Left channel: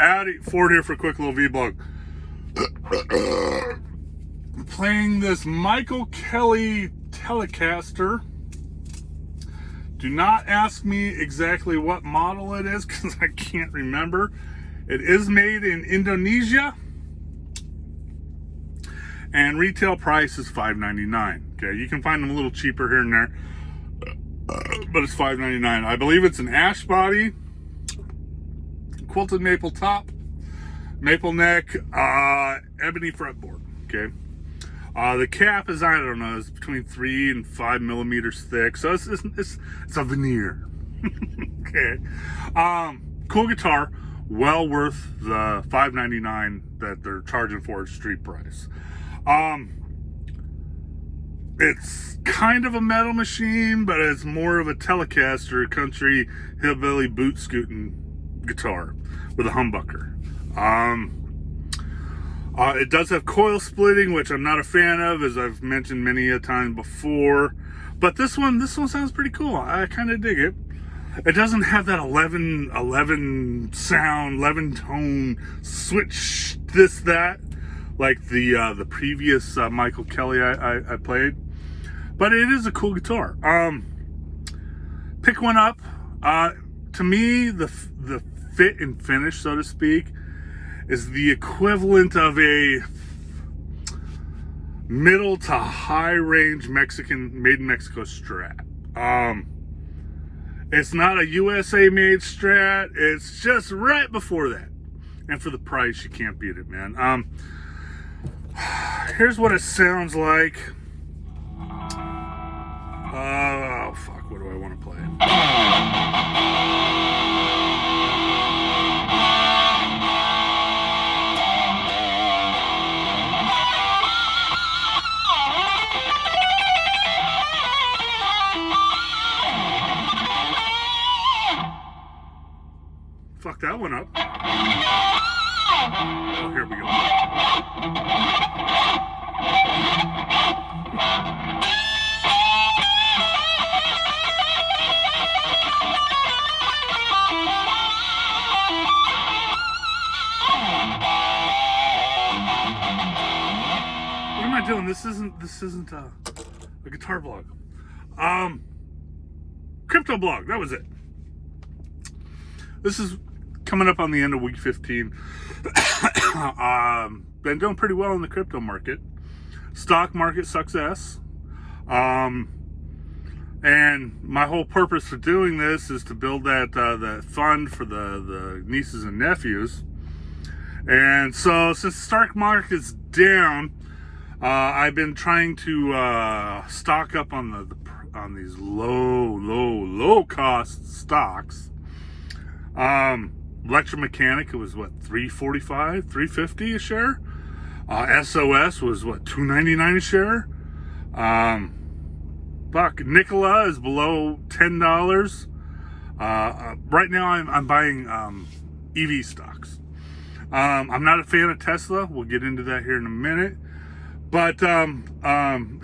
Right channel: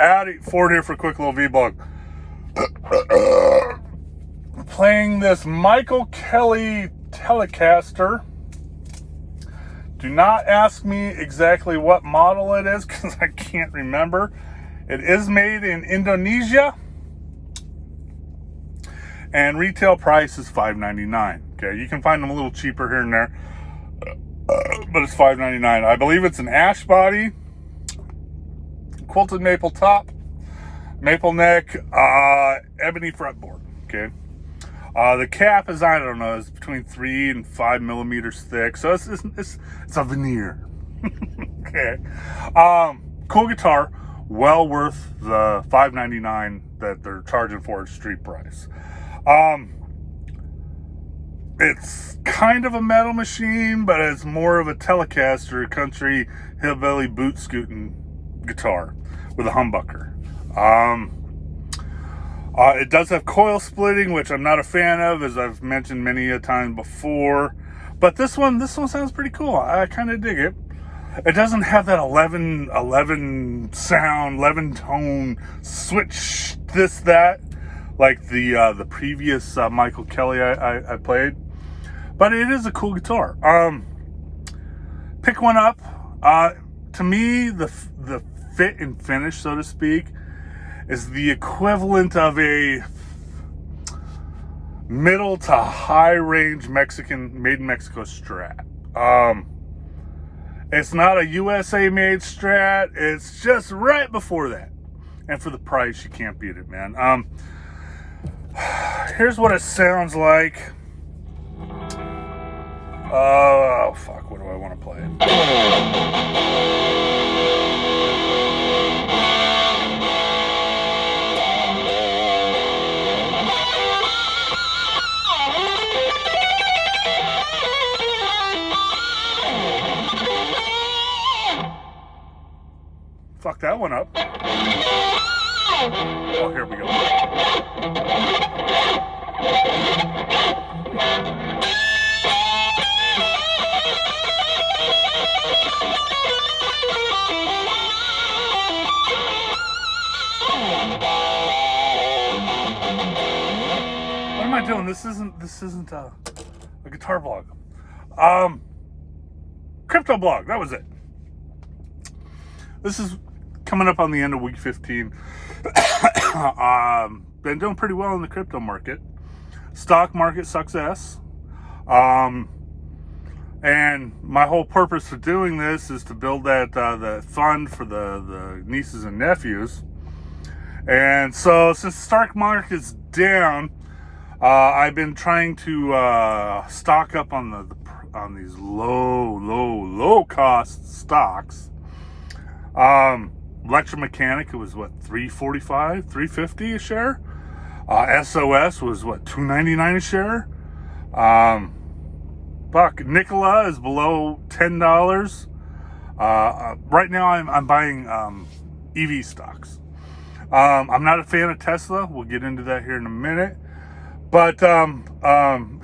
Addy Ford here for a quick little vlog. Playing this Michael Kelly Telecaster. Do not ask me exactly what model it is because I can't remember. It is made in Indonesia. And retail price is $5.99. Okay, you can find them a little cheaper here and there. But it's $5.99. I believe it's an ash body, quilted maple top, maple neck, ebony fretboard. Okay, the cap is, I don't know, it's between 3 and 5 millimeters thick, so it's a veneer. Okay, cool guitar, well worth the $5.99 that they're charging for its street price. It's kind of a metal machine, but it's more of a Telecaster country hillbilly boot scooting guitar with a humbucker. It does have coil splitting, which I'm not a fan of, as I've mentioned many a time before. But this one sounds pretty cool. I kind of dig it. It doesn't have that 11 sound, 11 tone switch, this, that, like the previous Michael Kelly I played. But it is a cool guitar. Pick one up. To me, the fit and finish, so to speak, is the equivalent of a middle to high range Mexican made in Mexico Strat. It's not a USA made Strat. It's just right before that. And for the price, you can't beat it, man. Here's what it sounds like. Oh, fuck, what do I want to play? Fuck that one up. Oh, here we go. What am I doing? This isn't a guitar vlog. Crypto blog, that was it. This is coming up on the end of week 15. Been doing pretty well in the crypto market. Stock market sucks ass. And my whole purpose for doing this is to build that fund for the nieces and nephews. And so since the stock market's down, I've been trying to stock up on these low cost stocks. Electromechanic, it was what, $3.45, $3.50 a share. SOS was what, $2.99 a share. Nikola is below $10. Right now I'm buying EV stocks. I'm not a fan of Tesla. We'll get into that here in a minute. But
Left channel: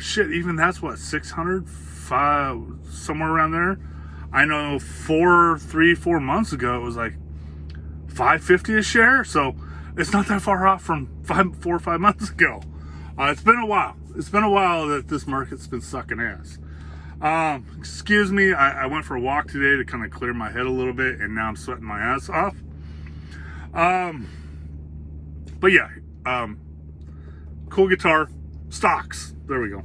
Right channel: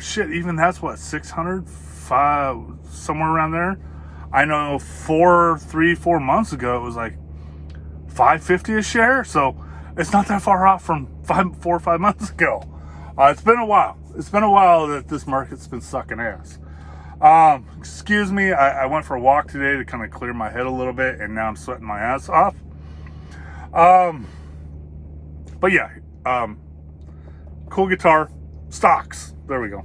shit, even that's what, 600, 5, somewhere around there. I know 4 months ago it was like $5.50 a share, so it's not that far off from 4 or 5 months ago. It's been a while. It's been a while that this market's been sucking ass. Excuse me, I went for a walk today to kind of clear my head a little bit, and now I'm sweating my ass off. But yeah, cool guitar, stocks. There we go.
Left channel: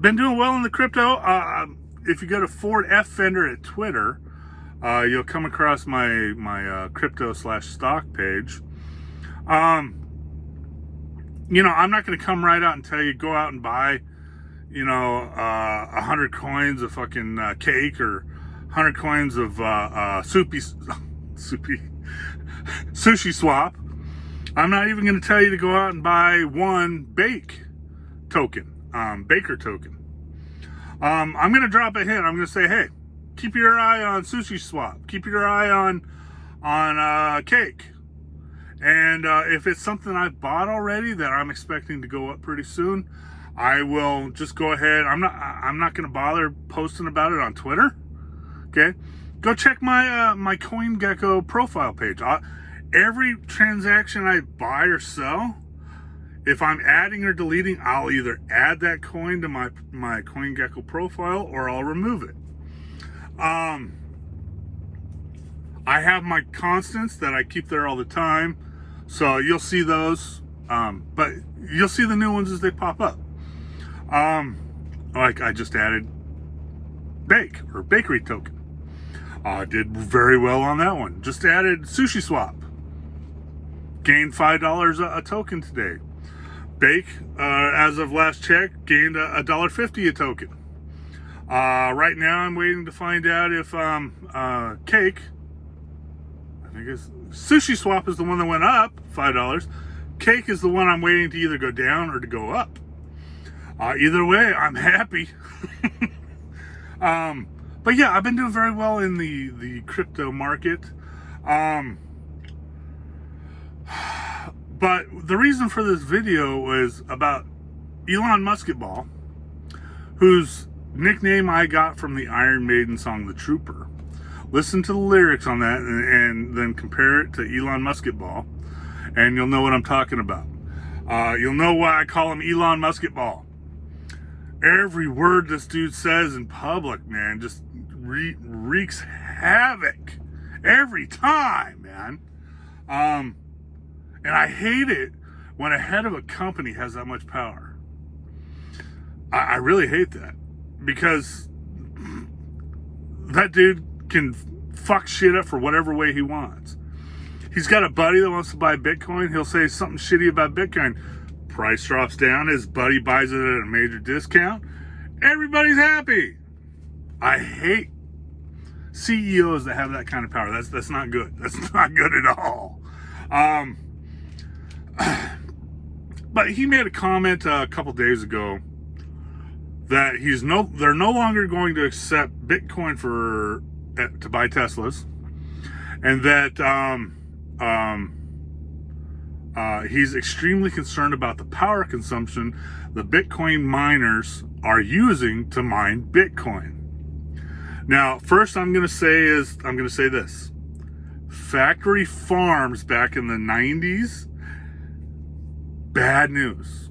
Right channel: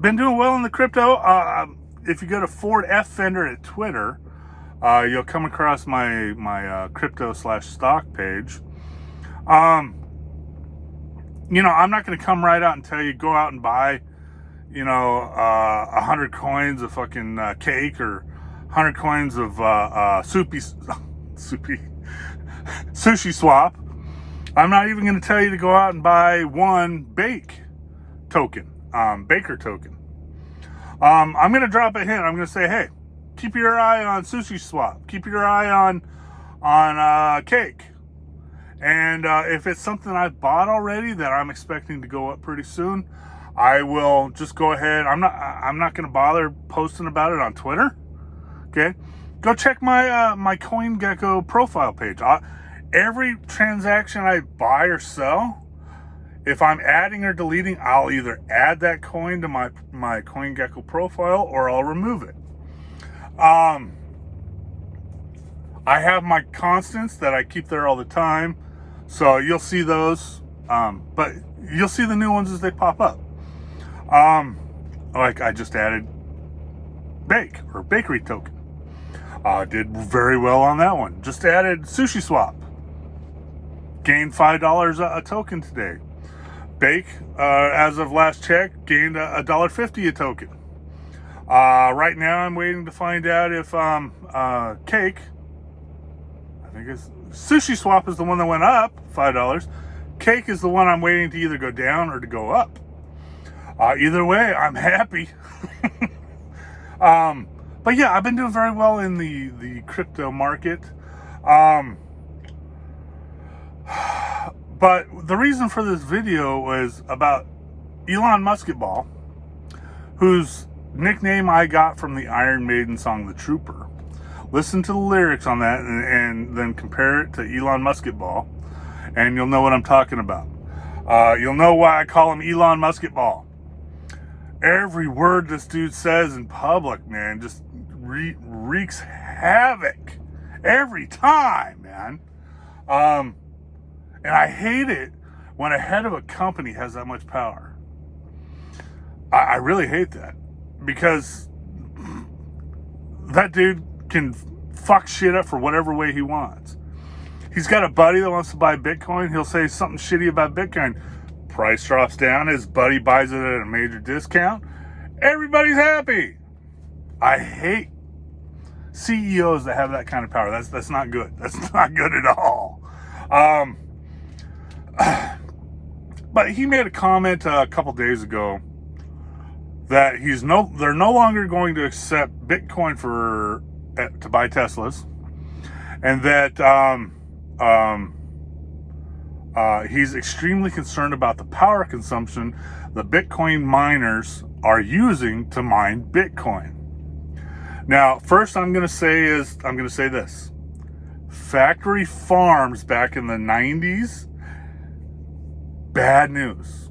Been doing well in the crypto. If you go to Ford F Fender at Twitter, you'll come across my crypto/stock page. You know, I'm not going to come right out and tell you go out and buy, 100 coins of fucking cake or 100 coins of sushi swap. I'm not even going to tell you to go out and buy one baker token. I'm going to drop a hint. I'm going to say, hey, keep your eye on sushi swap. Keep your eye on cake. And if it's something I've bought already that I'm expecting to go up pretty soon, I will just go ahead. I'm not going to bother posting about it on Twitter. Okay. go check my my CoinGecko profile page. Every transaction I buy or sell, if I'm adding or deleting, I'll either add that coin to my CoinGecko profile or I'll remove it. I have my constants that I keep there all the time, so you'll see those, but you'll see the new ones as they pop up. Like I just added Bake or Bakery token. Did very well on that one. Just added Sushi Swap. Gained $5 a token today. Bake, as of last check, gained $1.50 a token. Right now I'm waiting to find out if Cake, I think it's Sushi Swap is the one that went up $5. Cake is the one I'm waiting to either go down or to go up. Either way, I'm happy. But yeah, I've been doing very well in the crypto market. But the reason for this video was about Elon Musketball, whose nickname I got from the Iron Maiden song, The Trooper. Listen to the lyrics on that and then compare it to Elon Musketball, and you'll know what I'm talking about. You'll know why I call him Elon Musketball. Every word this dude says in public, man, just wreaks havoc every time, man. And I hate it when a head of a company has that much power. I really hate that, because that dude can fuck shit up for whatever way he wants. He's got a buddy that wants to buy Bitcoin. He'll say something shitty about Bitcoin. Price drops down. His buddy buys it at a major discount. Everybody's happy. I hate CEOs that have that kind of power. That's not good. That's not good at all. But he made a comment a couple days ago that they're no longer going to accept Bitcoin to buy Teslas, and that he's extremely concerned about the power consumption the Bitcoin miners are using to mine Bitcoin. Now, first I'm going to say this. Factory farms back in the 90s, bad news.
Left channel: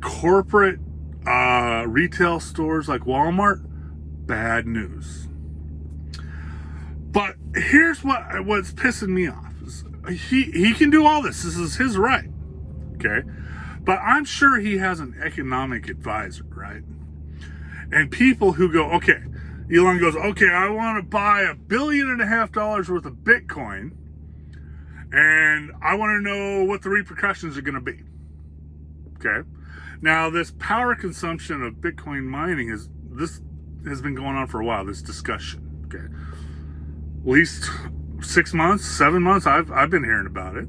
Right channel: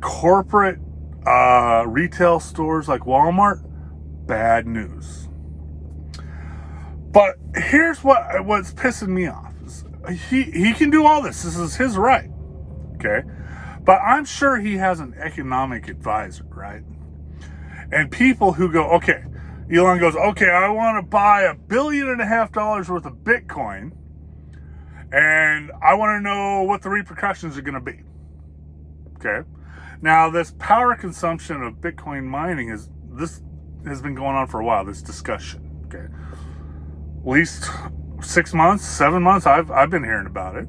Corporate retail stores like Walmart, bad news. But here's what's pissing me off. He can do all this. This is his right. Okay? But I'm sure he has an economic advisor, right? And people who go, okay, Elon goes, okay, I want to buy $1.5 billion worth of Bitcoin, and I want to know what the repercussions are going to be. Okay? Now, this power consumption of Bitcoin mining has been going on for a while, this discussion. Okay? At least 6 months, 7 months, I've been hearing about it.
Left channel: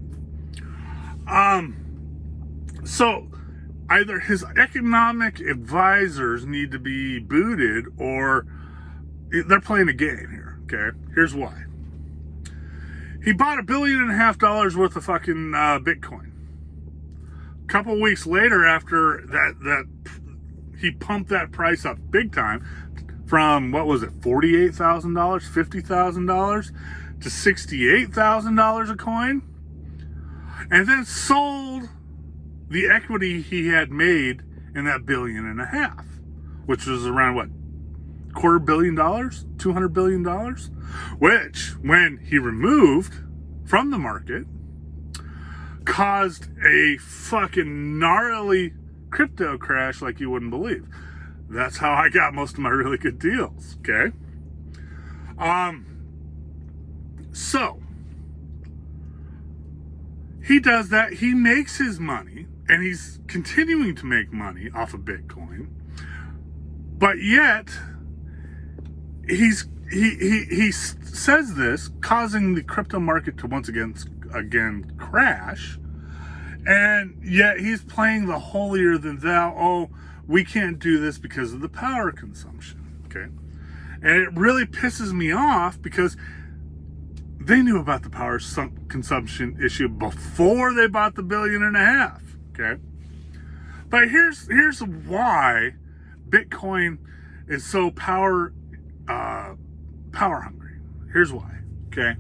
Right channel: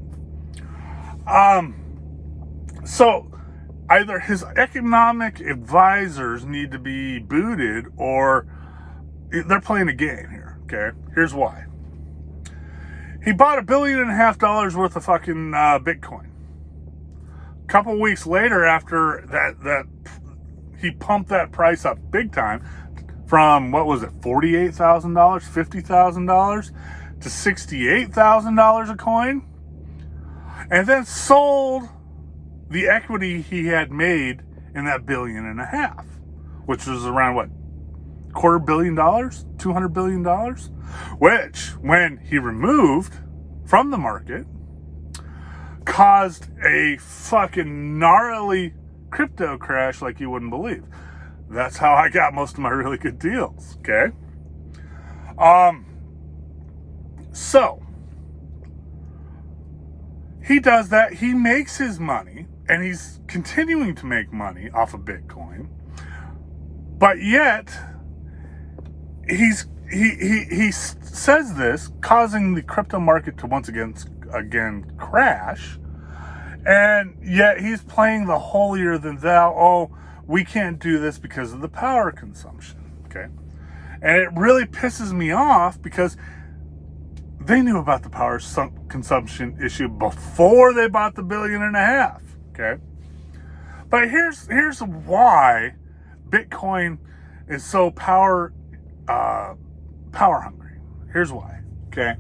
So either his economic advisors need to be booted, or they're playing a game here. Okay, here's why. He bought $1.5 billion worth of fucking Bitcoin. A couple weeks later, after that he pumped that price up big time from, what was it, $48,000, $50,000 to $68,000 a coin, and then sold the equity he had made in that $1.5 billion, which was around what, $250 million, $200 billion, which, when he removed from the market, caused a fucking gnarly crypto crash like you wouldn't believe. That's how I got most of my really good deals. Okay. So he does that. He makes his money, and he's continuing to make money off of Bitcoin. But yet he says this, causing the crypto market to once again crash. And yet he's playing the holier than thou. Oh, we can't do this because of the power consumption. Okay. And it really pisses me off, because they knew about the power consumption issue before they bought the $1.5 billion. Okay. But here's why Bitcoin is so power power hungry. Here's why, okay?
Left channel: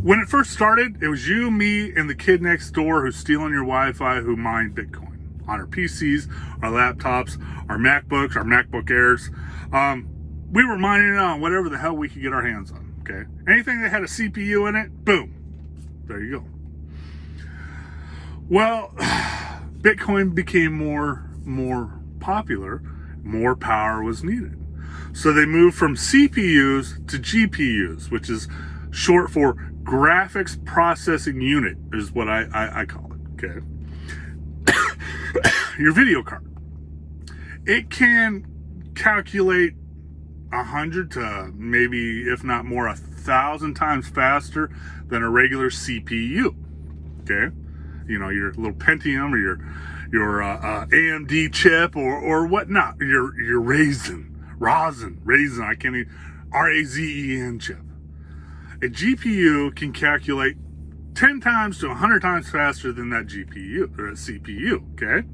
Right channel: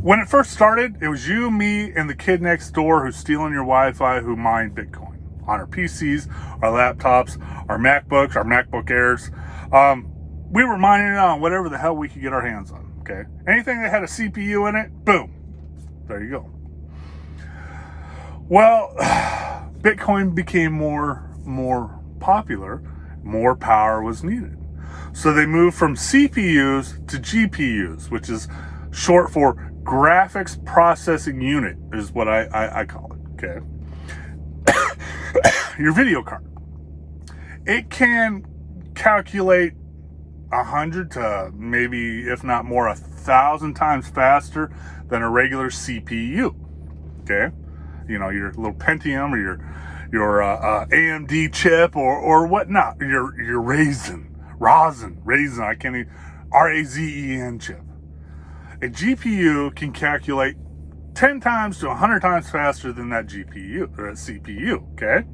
When it first started, it was you, me, and the kid next door who's stealing your Wi-Fi who mined Bitcoin on our PCs, our laptops, our MacBooks, our MacBook Airs. We were mining it on whatever the hell we could get our hands on, okay? Anything that had a CPU in it, boom, there you go. Well, Bitcoin became more popular, more power was needed. So they moved from CPUs to GPUs, which is short for graphics processing unit, is what I call it, okay? Your video card. It can calculate 100 to maybe, if not more, 1,000 times faster than a regular CPU, okay? You know, your little Pentium or your AMD chip or whatnot, your Ryzen, I can't even, RAZEN chip. A GPU can calculate 10 times to 100 times faster than that GPU or CPU, okay?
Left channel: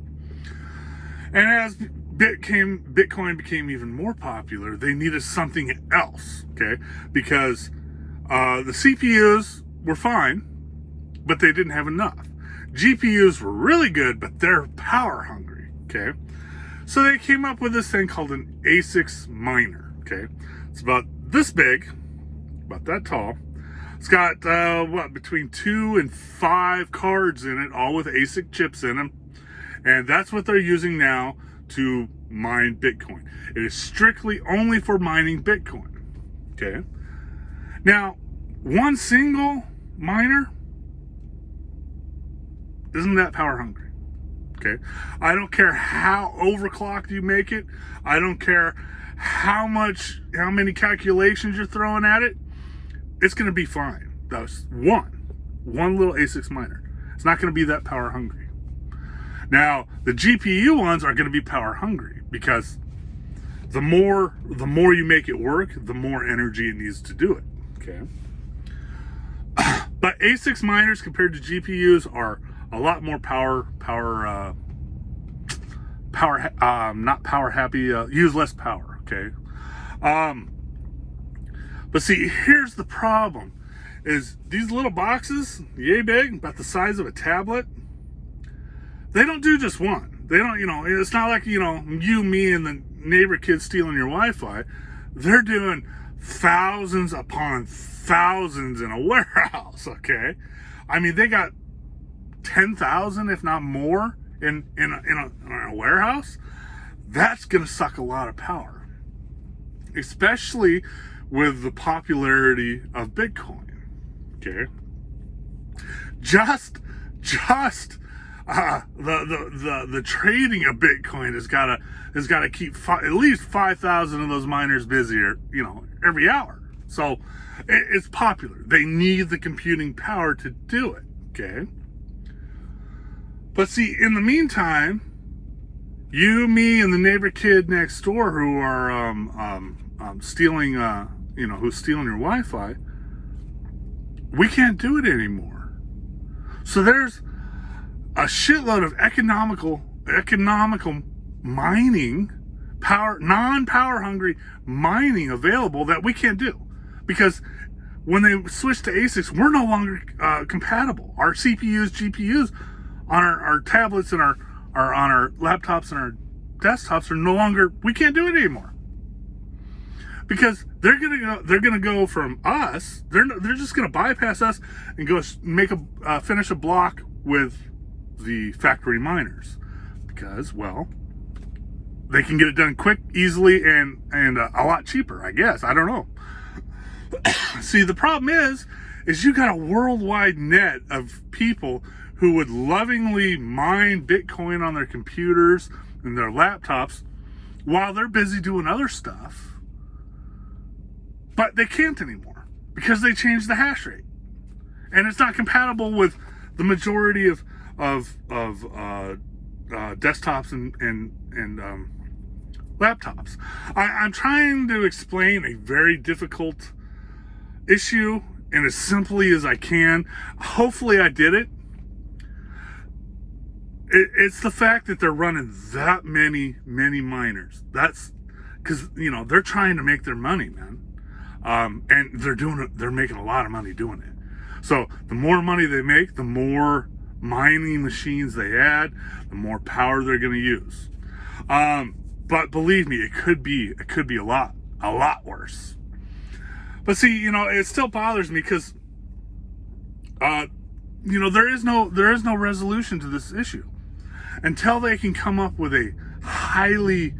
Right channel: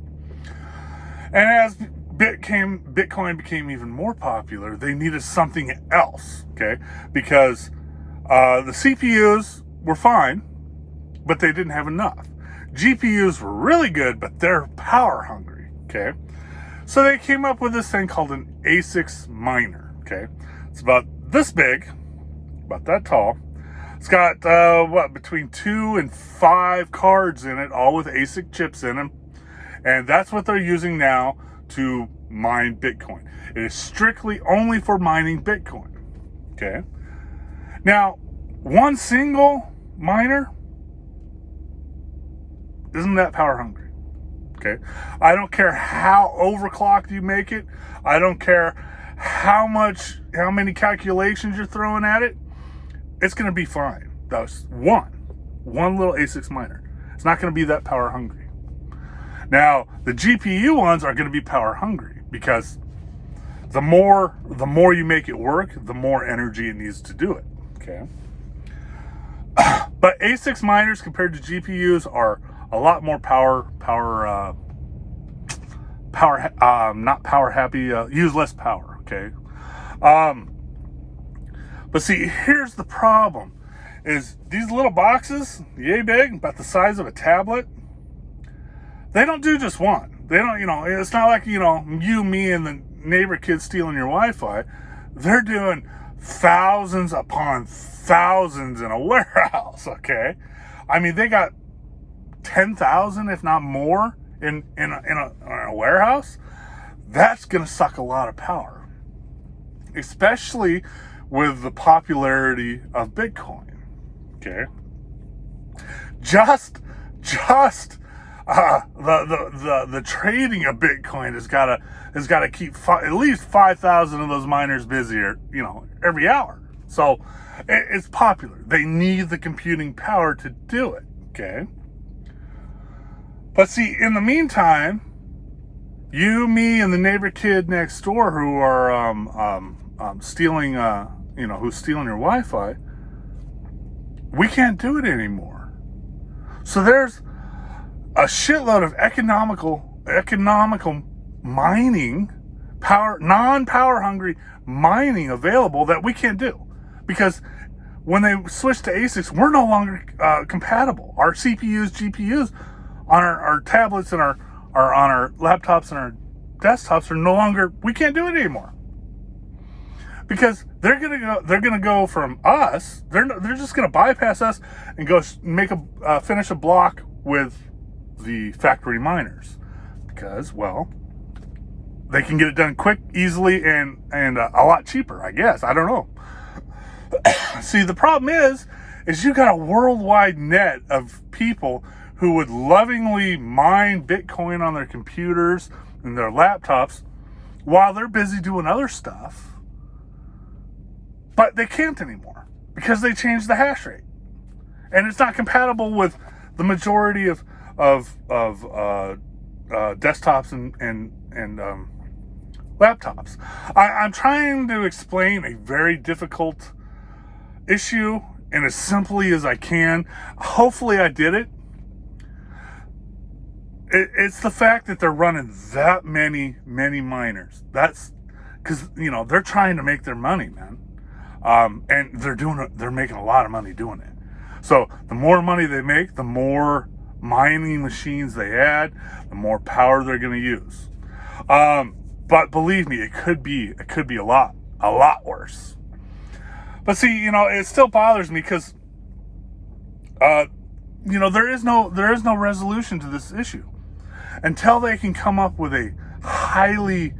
And as Bitcoin became even more popular, they needed something else, okay? Because the CPUs were fine, but they didn't have enough. GPUs were really good, but they're power hungry, okay? So they came up with this thing called an ASIC miner, okay? It's about this big, about that tall. It's got, between 2 and 5 cards in it, all with ASIC chips in them. And that's what they're using now to mine Bitcoin. It is strictly only for mining Bitcoin, okay? Now, one single miner isn't that power hungry, okay? I don't care how overclocked you make it. I don't care how many calculations you're throwing at it. It's going to be fine. That's one little ASIC miner. It's not going to be that power hungry. Now, the GPU ones are going to be power hungry because the more you make it work, the more energy it needs to do it, okay? But ASIC miners compared to GPUs are a lot more not power happy, use less power, okay? But see, here's the problem, is these little boxes, yay big, about the size of a tablet, they don't do just one. They don't, it's not like, you, me, and the neighbor kid stealing your Wi-Fi. They're doing thousands upon thousands in a warehouse, okay? I mean, they got 10,000, if not more, in a warehouse. That's going to suck a lot of power, especially with the popularity of Bitcoin, okay? Just the trading of Bitcoin has got to keep at least 5,000 of those miners busier, every hour. So it's popular. They need the computing power to do it, okay? But see, in the meantime, you, me, and the neighbor kid next door who are stealing, who's stealing your Wi-Fi, we can't do it anymore. So there's a shitload of economical mining, non-power hungry mining available that we can't do. Because when they switch to ASICs, we're no longer compatible. Our CPUs, GPUs on our tablets and on our laptops and our desktops are no longer, we can't do it anymore. Because they're gonna go from us, they're just gonna bypass us and go finish a block with the factory miners, because, well, they can get it done quick, easily, and a lot cheaper, I guess. I don't know. See, the problem is you got a worldwide net of people who would lovingly mine Bitcoin on their computers and their laptops while they're busy doing other stuff, but they can't anymore because they changed the hash rate, and it's not compatible with the majority of desktops and laptops. I'm trying to explain a very difficult issue and as simply as I can. Hopefully I did it. It's the fact that they're running that many miners. because they're trying to make their money, man. And they're making a lot of money doing it. So the more money they make, the more mining machines they add, the more power they're going to use. But believe me, it could be a lot worse. But see, it still bothers me because, there is no resolution to this issue until they can come up with a highly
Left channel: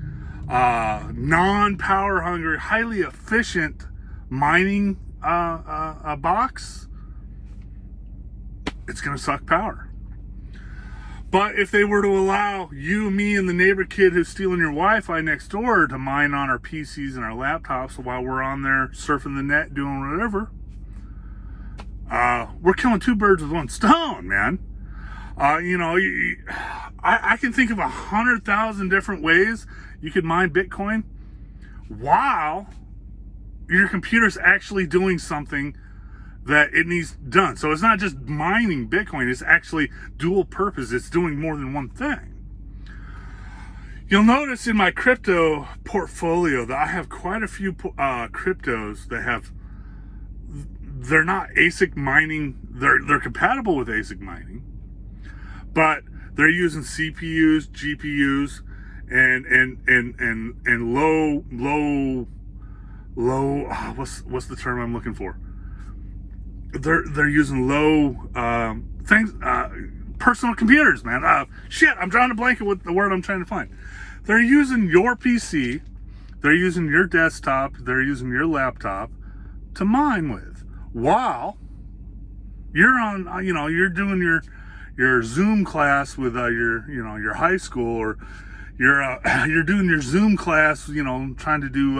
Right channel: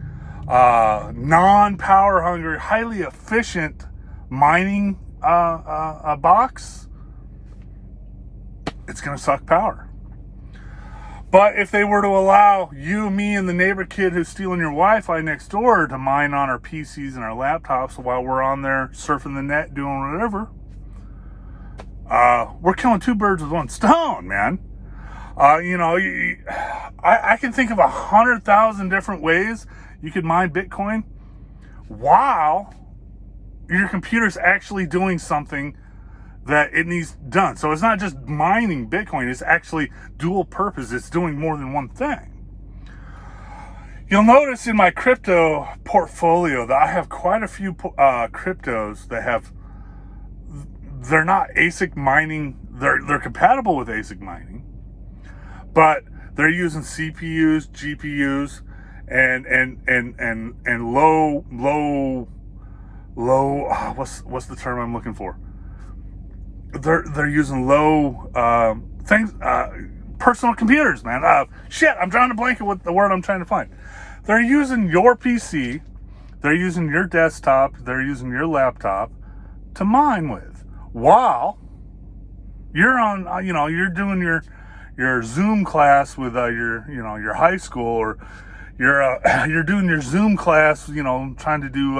non-power hungry, highly efficient mining box. It's going to suck power. But if they were to allow you, me, and the neighbor kid who's stealing your Wi-Fi next door to mine on our PCs and our laptops while we're on there surfing the net, doing whatever, we're killing two birds with one stone, man. I can think of 100,000 different ways you could mine Bitcoin while your computer's actually doing something that it needs done. So it's not just mining Bitcoin, it's actually dual purpose. It's doing more than one thing. You'll notice in my crypto portfolio that I have quite a few cryptos that they're not ASIC mining, they're compatible with ASIC mining, but they're using CPUs, GPUs, and low what's the term I'm looking for? They're using low things, personal computers, man. I'm drawing a blanket with the word I'm trying to find. They're using your PC, they're using your desktop, they're using your laptop to mine with, while you're on, you're doing your Zoom class with your high school, or you're doing your Zoom class, trying to do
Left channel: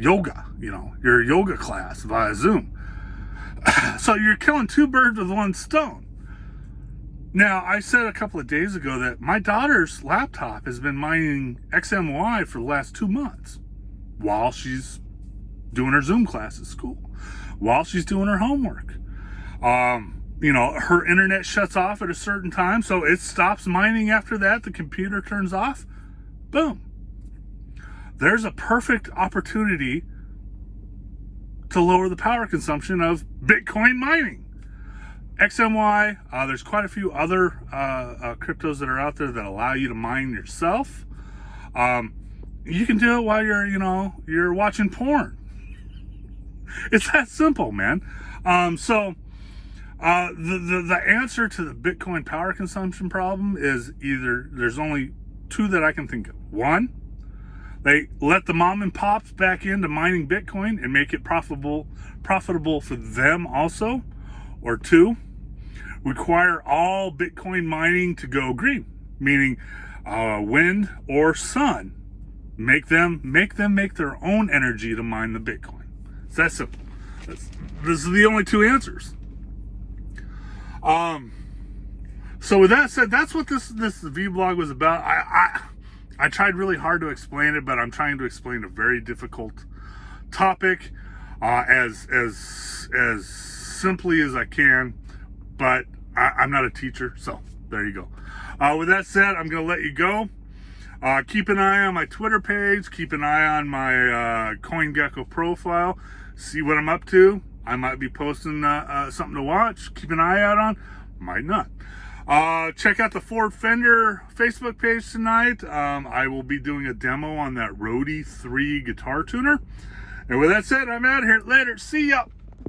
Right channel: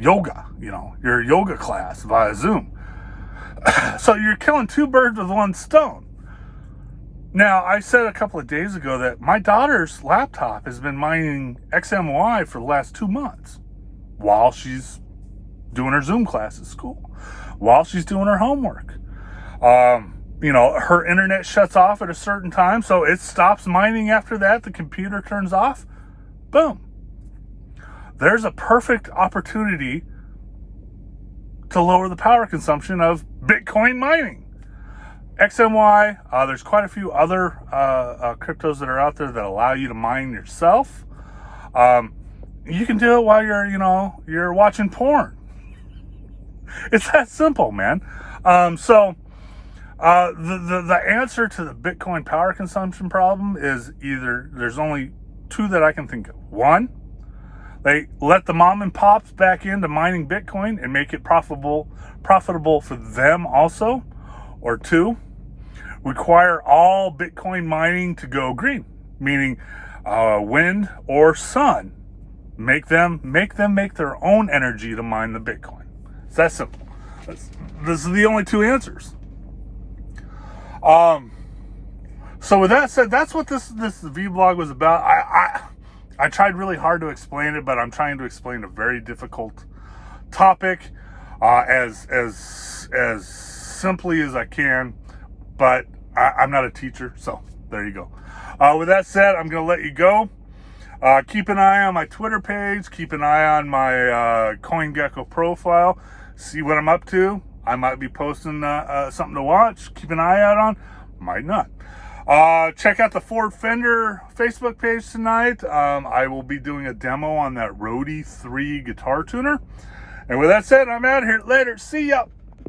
yoga, your yoga class via Zoom. So you're killing two birds with one stone. Now, I said a couple of days ago that my daughter's laptop has been mining XMY for the last 2 months while she's doing her Zoom class at school, while she's doing her homework. Her internet shuts off at a certain time, so it stops mining after that. The computer turns off. Boom. There's a perfect opportunity to lower the power consumption of Bitcoin mining. XMY, there's quite a few other cryptos that are out there that allow you to mine yourself. You can do it while you're watching porn. It's that simple, man. The answer to the Bitcoin power consumption problem is there's only two that I can think of. One, they let the mom and pops back into mining Bitcoin and make it profitable for them also. Or two, require all Bitcoin mining to go green, meaning wind or sun. Make them make their own energy to mine the Bitcoin. It's that simple. This is the only two answers. So with that said, that's what this vlog was about. I tried really hard to explain it, but I'm trying to explain a very difficult topic as simply as I can. But I'm not a teacher, so there you go. With that said, I'm going to let you go. Keep an eye on my Twitter page. Keep an eye on my CoinGecko profile. See what I'm up to. I might be posting something to watch. Keep an eye out on. Might not. Check out the Ford Fender Facebook page tonight. I will be doing a demo on that Rode 3 guitar tuner. And with that said, I'm out of here. Later. See ya.